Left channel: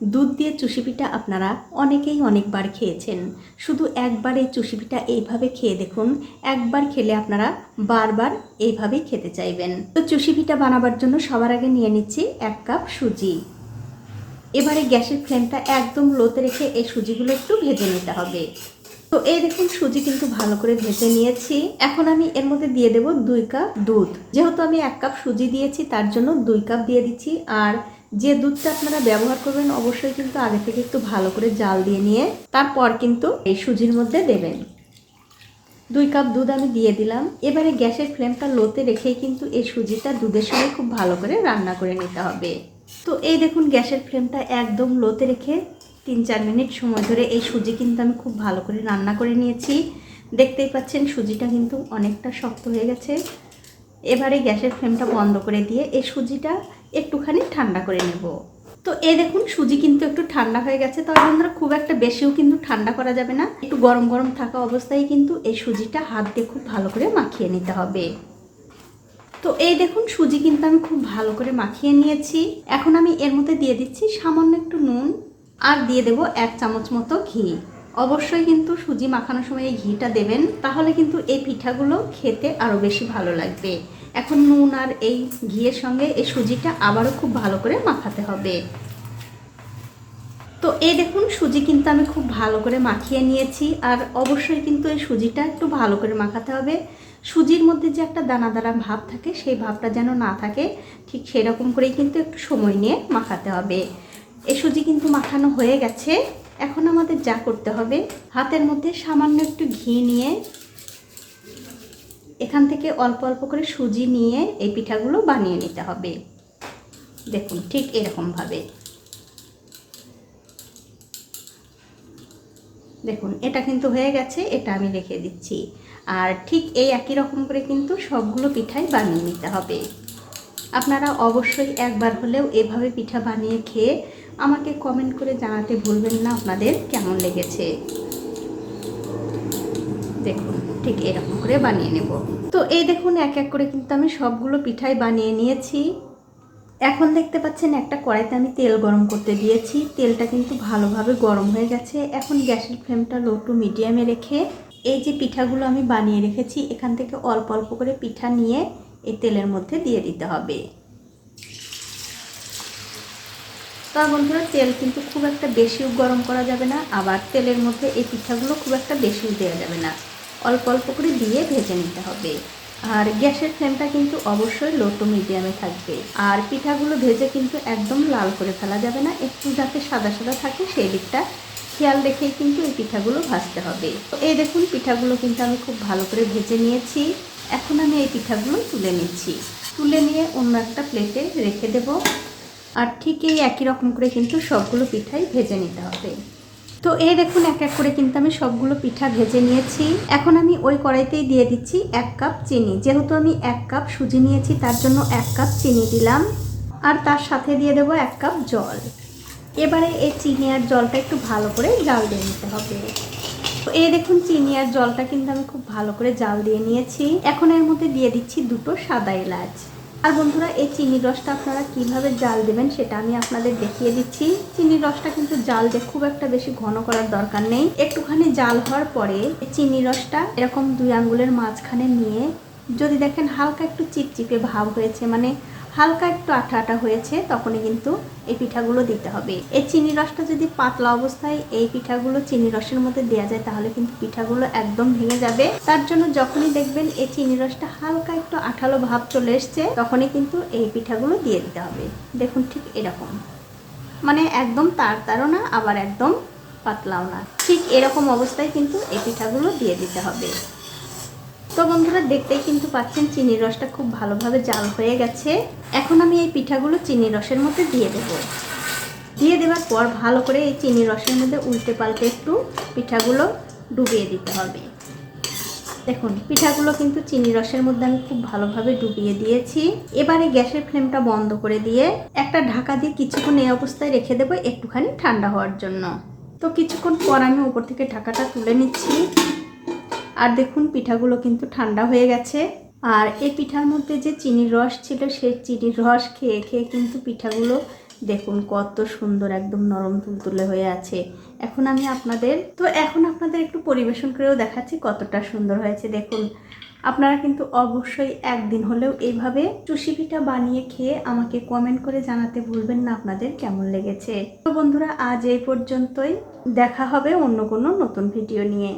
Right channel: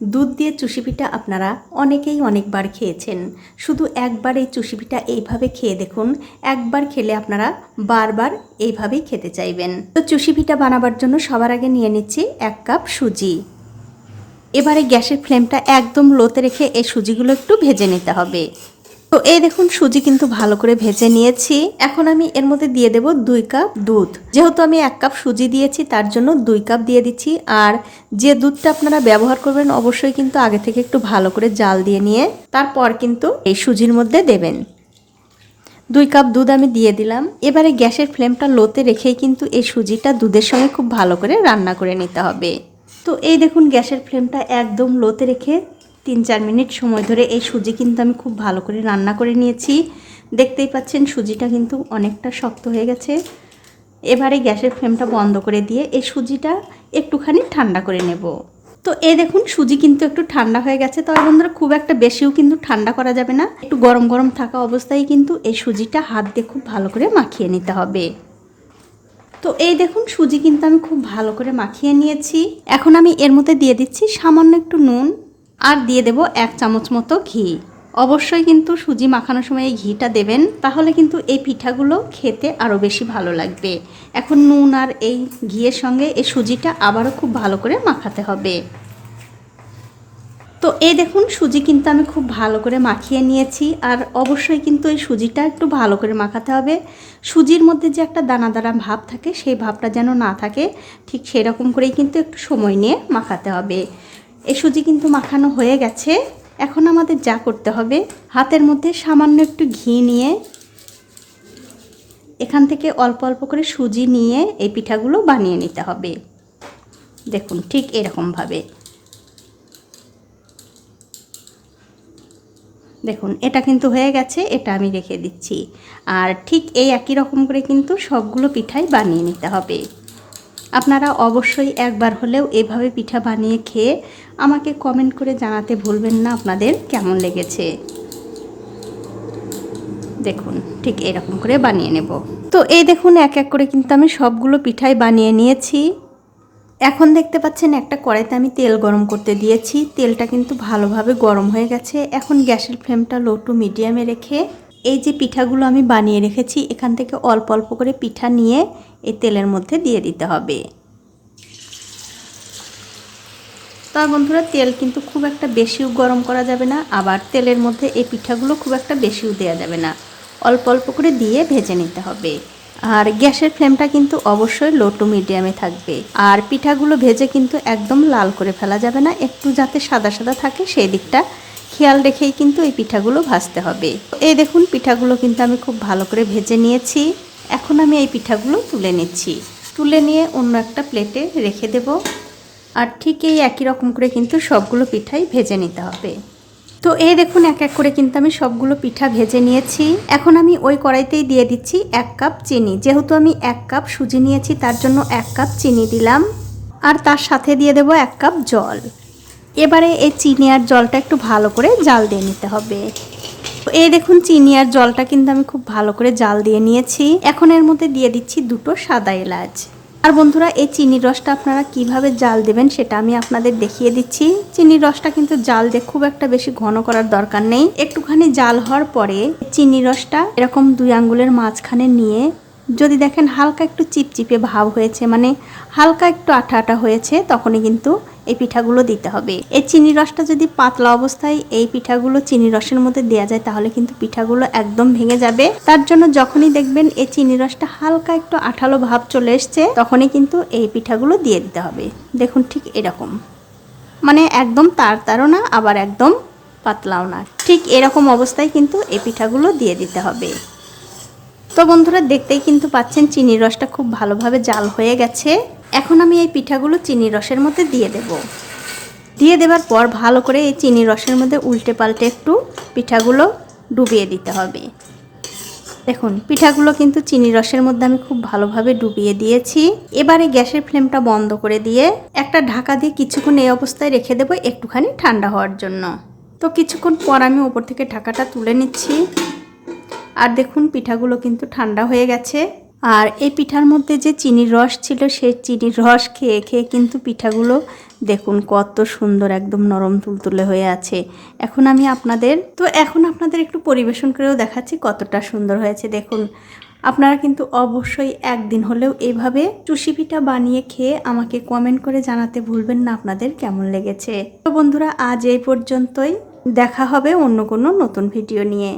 দুধ দিয়ে চুষি পিঠা আপনারা অনেকেই অনেকবার খেয়েছেন। শুধু একবার এই চুষি পিঠা এইভাবে খেয়ে দেখুন, একবার খেলে আপনারা বারবার এইভাবেই খেতে চাইবেন। তো চুষি পিঠা বানাবার জন্য সবার আগে নিয়ে নিচ্ছি 1 কাপ সুজি। এবারে গ্যাসের ফ্লেমটা একদম লোতে রেখে এই সুজিগুলো একটু ভেজে নিতে হবে। তো এই দেখুন সুজি কিন্তু ভালো করে ভেজে নিয়েছি। এখন আমি এর মধ্যে দিয়ে দেব 2 কাপ দুধ। যেহেতু আমি 1 কাপ সুজি দিয়েছি তার জন্য 2 কাপ দিয়ে দিচ্ছি। আর যে দুধটা আপনারা ব্যবহার করবেন অবশ্যই কিন্তু আগে থেকে একটু ভালো করে জাল দিয়ে নিয়ে তারপর কিন্তু এই সুজির মধ্যে দেবেন। 2 কাপ দুধ আমি দিয়ে দিলাম। এবারে গ্যাসের ফ্লেমটা লোতে রেখেই কিন্তু এই সুজিটা দুধের সঙ্গে খুব ভালো করে রান্না করে নিতে হবে। তো এই দেখুন গ্যাসের ফ্লেমটা একদম লোতে রেখে 3-4 মিনিট সময় ধরে এই সুজি কিন্তু আমি খুব ভালো করে রান্না করে নিয়েছি। দেখতেই পাচ্ছেন সুজিটা কিন্তু অনেকটা শক্ত হয়ে গেছে। এবারে গ্যাসের ফ্লেমটা বন্ধ করে দিয়ে এই সুজিটা একটুখানি ঠান্ডা করে নেব। তো এই দেখুন সুজি কিন্তু একটু ঠান্ডা হয়ে গেছে। তবে বন্ধুরা খুব একটা বেশিও কিন্তু ঠান্ডা করা যাবে না, একটু গরম গরম থাকা অবস্থায় কিন্তু এই সুজিটা হাত দিয়ে খুব ভালো করে মাখিয়ে নিতে হবে। তো এই দেখুন সুজি কিন্তু আমি খুব ভালো করে মাখিয়ে নিয়েছি। এখন আমি এর মধ্যে দিয়ে দিচ্ছি সামান্য একটু নুন আর দিয়ে দেব 1 চামচ মতো ঘি। অবশ্যই কিন্তু সুজি মাখানোর সময় এই ঘিটা দেবেন, তাহলে কিন্তু এই পিঠাগুলো খেতে আরও বেশি ভালো লাগবে। এখন নুন আর এই ঘিয়ের সঙ্গে এই সুজিটা আবারও খুব ভালো করে মাখাতে হবে। তো এই দেখুন সুজি কিন্তু আমি খুব ভালো করে মাখিয়ে নিয়েছি। আর অবশ্যই কিন্তু এই সুজিটা একটু ভালো করে মাখাতে হবে। সুজির মধ্যে যে একটা দানা দানা ভাব থাকে সেই ভাবটা যেন না থাকে, ঠিক সেরকম করেই কিন্তু একটু সময় নিয়ে মাখাতে হবে। এই সুজি কিন্তু মাখানো হয়ে গেছে। এখন আমাদের যা করতে হবে, হাতের মধ্যে সামান্য একটু ঘি নিয়ে এখান থেকে অল্প অল্প করে সুজি নিয়ে এই পিঠাগুলো বানিয়ে নিতে হবে। দেখুন ঠিক এরকমভাবে। দেখুন এটা কিন্তু হয়ে গেছে, এটা আমি রেখে দিচ্ছি। আর ঠিক এই একই রকম করে কিন্তু সবগুলো পিঠাই বানিয়ে নিতে হবে। আপনারা অবশ্যই একবার হলেও এভাবে পিঠা বানিয়ে খেয়ে আমাকে কমেন্ট করে জানাতে ভুলবেন না আপনাদের কেমন লেগেছে। দেখুন ঠিক এরকম করে বানিয়ে নেব। তো এই দেখুন এক এক করে কিন্তু আমি সবগুলো পিঠাই বানিয়ে নিয়েছি। এখন দেখতে পাচ্ছেন একটা কড়াইতে আমি তেল গরম করতে দিয়েছি। তেলটা কিন্তু ভালোভাবে গরম হয়ে গেছে। এখন গ্যাসের ফ্লেমটা লো টু মিডিয়ামে রেখে এই যে পিঠাগুলো আমি বানিয়ে রেখেছি এখান থেকে অল্প অল্প করে পিঠা নিয়ে এই তেলের মধ্যে দিয়ে দিতে হবে। তবে বন্ধুরা তেল কিন্তু খুব একটা বেশিও গরম করা যাবে না, আবার তেলের মধ্যে এই পিঠাগুলো খুব একটা বেশিও দেওয়া যাবে না, অল্প অল্প করে দিয়ে ভেজে নিতে হবে। আর গ্যাসের ফ্লেমটা কিন্তু অবশ্যই লো টু মিডিয়ামে থাকবে। আর পিঠাগুলো ভেজে কিন্তু একদম লাল করে ফেলা যাবে না, একটু যাতে সাদা সাদা থাকে সেই দিকটা খেয়াল রেখেই কিন্তু এই পিঠাগুলো ভাজতে হবে। এই দেখুন পিঠাগুলো কিন্তু আমি খুব ভালো করে ভেজে নিয়েছি। এখন আমি এই পিঠাগুলো তুলে নিচ্ছি। তুলে নিয়ে অন্য একটা প্লেটে রেখে দেব। আর ঠিক এই একই রকম করে কিন্তু সবগুলো পিঠাই ভেজে নিতে হবে। তো এই দেখুন এক এক করে কিন্তু আমি সবগুলো পিঠা ভেজে নিয়েছি। এখন আমি ওই কড়াইতেই দিয়ে দিচ্ছি 1 কাপ চিনি। যেহেতু আমি 1 কাপ সুজি নিয়েছি তার জন্য 1 কাপ চিনি দিলাম। আর তার সাথে দিয়ে দেব 1 কাপ জল। এবারে এই চিনি আর জলটা একটু ভালো করে জাল দিয়ে নিতে হবে। তো এই দেখুন চিনি আর জলটা কিন্তু আমি খুব ভালো করে জাল দিয়ে নিয়েছি। এখন এর মধ্যে দিয়ে দিচ্ছি 2টো সাদা এলাচ। আর বন্ধুরা এই চিনির রসটা আপনারা কিভাবে জাল দেবেন সেটা আমি আপনাদের দেখিয়ে দিচ্ছি। চিনির রসটা কিন্তু জাল দিয়ে খুব একটা বেশি ঘন করার দরকার নেই। একটুখানি জাল হওয়ার পরে চিনির রসটা এরকম 2 আঙ্গুলের মাঝখানে নিয়ে যদি দেখেন হালকা একটু চিপচিপে ভাব হয়েছে, মানে হালকা একটু আঠা আঠা হয়েছে, তখনই কিন্তু এই পিঠাগুলো দিতে হবে। এই চিনি রসটা যদি পাতলা অবস্থায় এই পিঠাগুলো চিনি রসের মধ্যে দেওয়া যায় তাহলে কিন্তু পিঠাগুলো একদম ভেঙে যাবে। তার জন্য যখনই দেখবেন এই চিনি রসটা হালকা একটু আঠালো ভাব চলে এসছে তখনই কিন্তু এই পিঠাগুলো দিয়ে দিতে হবে। দেখুন ঠিক এরকম, মানে একদম তারও না আবার একদম পাতলাও না, ঠিক এরকম অবস্থায় কিন্তু এই পিঠাগুলো দিয়ে দিতে হবে। তো বন্ধুরা দেখতেই কিন্তু পাচ্ছেন চিনির রসটা খুব ভালোভাবে জাল হয়ে গেছে। এখন আমি এই পিঠাগুলো চিনির রসের মধ্যে দিয়ে দেব। দিয়ে দেওয়ার পর ভালো করে এই চিনির রসের মধ্যে উল্টে পাল্টে একটু পিঠাগুলো ডুবিয়ে দিতে হবে। দেখুন পিঠাগুলো কিন্তু চিনির রসের মধ্যে আমি খুব ভালোভাবে ডুবিয়ে দিয়েছি। এবারে গ্যাসের ফ্লেমটা বন্ধ করে দিয়ে একটা ঢাকা দিয়ে কিছুক্ষণ এই অবস্থায় রেখে দেবো একটুখানি ঠান্ডা হওয়ার জন্য। তো কিছুক্ষণ পর আমি উপর থেকে ঢাকাটা তুলে নিচ্ছি। আর দেখুন পিঠাগুলো কিন্তু ঠান্ডা হয়ে গেছে। আর এই পিঠার মধ্যে যে চিনির রস ছিল সেই চিনির রস খেয়ে খেয়ে কিন্তু পিঠাগুলো দেখুন কত সুন্দর একদম নরম তুলতুলে হয়ে আছে। এখন আপনাদের একটু পরিবেশন করেও দেখাচ্ছি কতটা সুন্দর হয়েছে। দেখুন আপনারা কিন্তু অবশ্যই একদিন হলেও এইভাবে চুষি পিঠা বানিয়ে খেয়ে আমাকে কমেন্ট করে জানাতে ভুলবেন না আপনাদের কেমন লেগেছে। তো বন্ধুরা আজ এই পর্যন্তই, দেখা হবে অন্য কোনো নতুন ভিডিও নিয়ে।